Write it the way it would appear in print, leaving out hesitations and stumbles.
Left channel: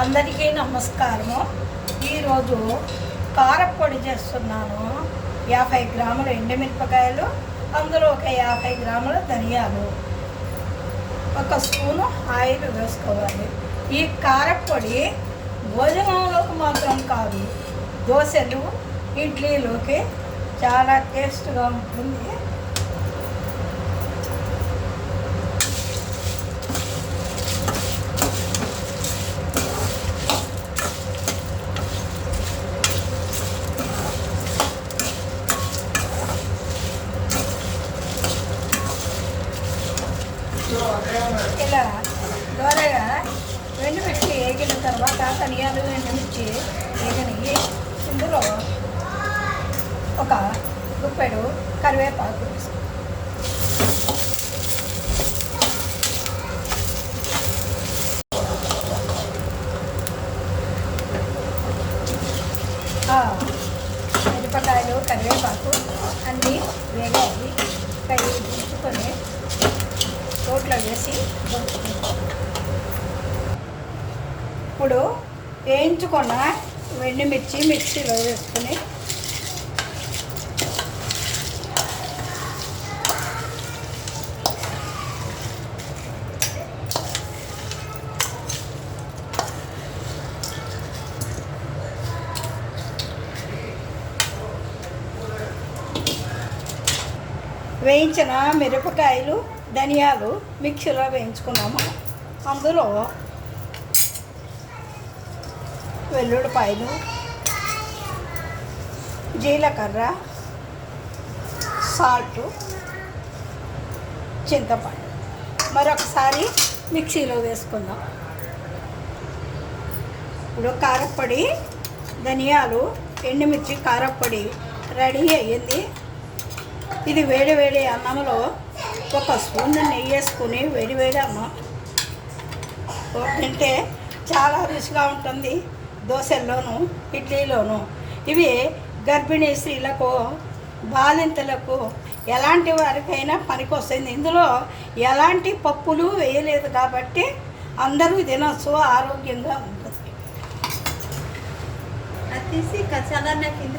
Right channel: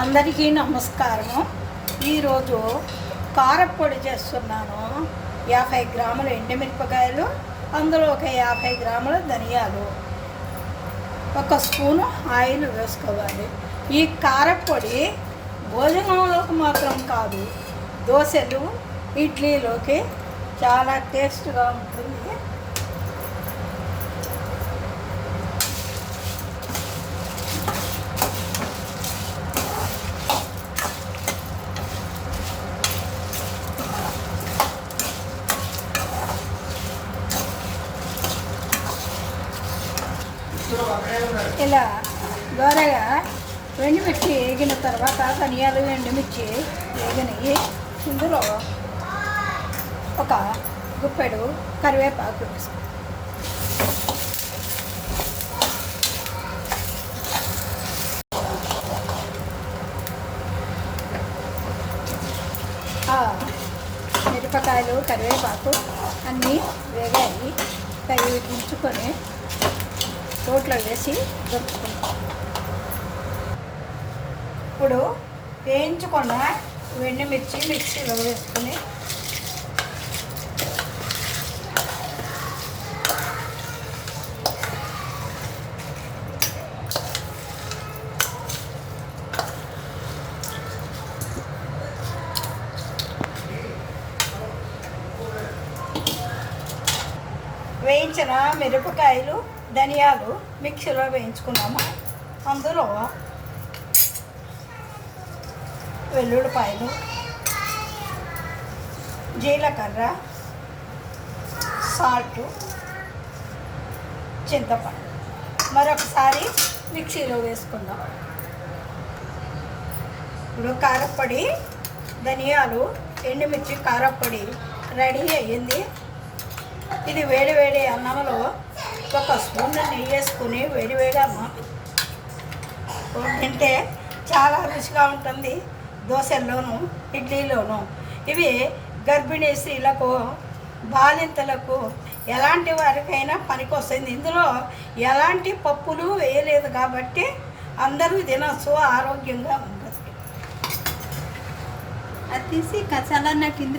అందరికీ నమస్కారము. ఈరోజు కారపొడి చేస్తున్నాను. 50 గ్రాముల ఎండుమిరపకాయలు, అందులో ఒక 50 గ్రాముల ధనియాలు, ఒక స్పూను ఆయిల్ వేసుకోవాలి. ఈ కారపొడి భోజనంలోకి మాత్రం కాదు, దోశలు, ఇడ్లీలోకి చాలా టేస్ట్గా ఉంటుంది. ఇలా దోరగా ఎండుమిర్చి వేగిన తర్వాత ధనియాలు ఎండుమిర్చి వేగినవి ఇందులో ఒక గుప్పెడు కరివేపాకు వేసుకో. మిరపకాయలు కరివేపాకు అన్నీ వేగాయి. కరివే తీసుకొని రోట్లో వేసి ఇప్పుడు వేయించుకున్న ఎండుమిర్చి మిక్సీలో వేసుకొని వేయించిన మిరపకాయలు ధనియాలు మిక్సీలో వేయించుకున్నాము. అందులో వెల్లుల్లిపాయలు, జీలకర్ర, సాల్ట్, చింతపండు మరొకసారి మిక్సీలో వేసుకుందాం. ఇప్పుడు కారప్పొడి, ధనియాలు, ఎండుమిర్చి కారప్పొడి రెడీ అయ్యింది. ఇది వేడి వేడి అన్నంలో ఒక స్పూన్ నెయ్యి వేసుకుని వేడివేడి అన్నం తింటే చాలా రుచిగా ఉంటుంది. దోశల్లోనూ ఇడ్లీలోనూ ఇవి గర్భిణీ స్త్రీలకు, బాలింతలకు, ఎలాంటి వారికైనా పనికొస్తుంది. ఇందులో ఎలాంటి పప్పులు వేయలేదు కాబట్టి అందరూ తినచ్చు, ఆరోగ్యంగా ఉంటుంది. అది తీసి కచాలన్నట్టు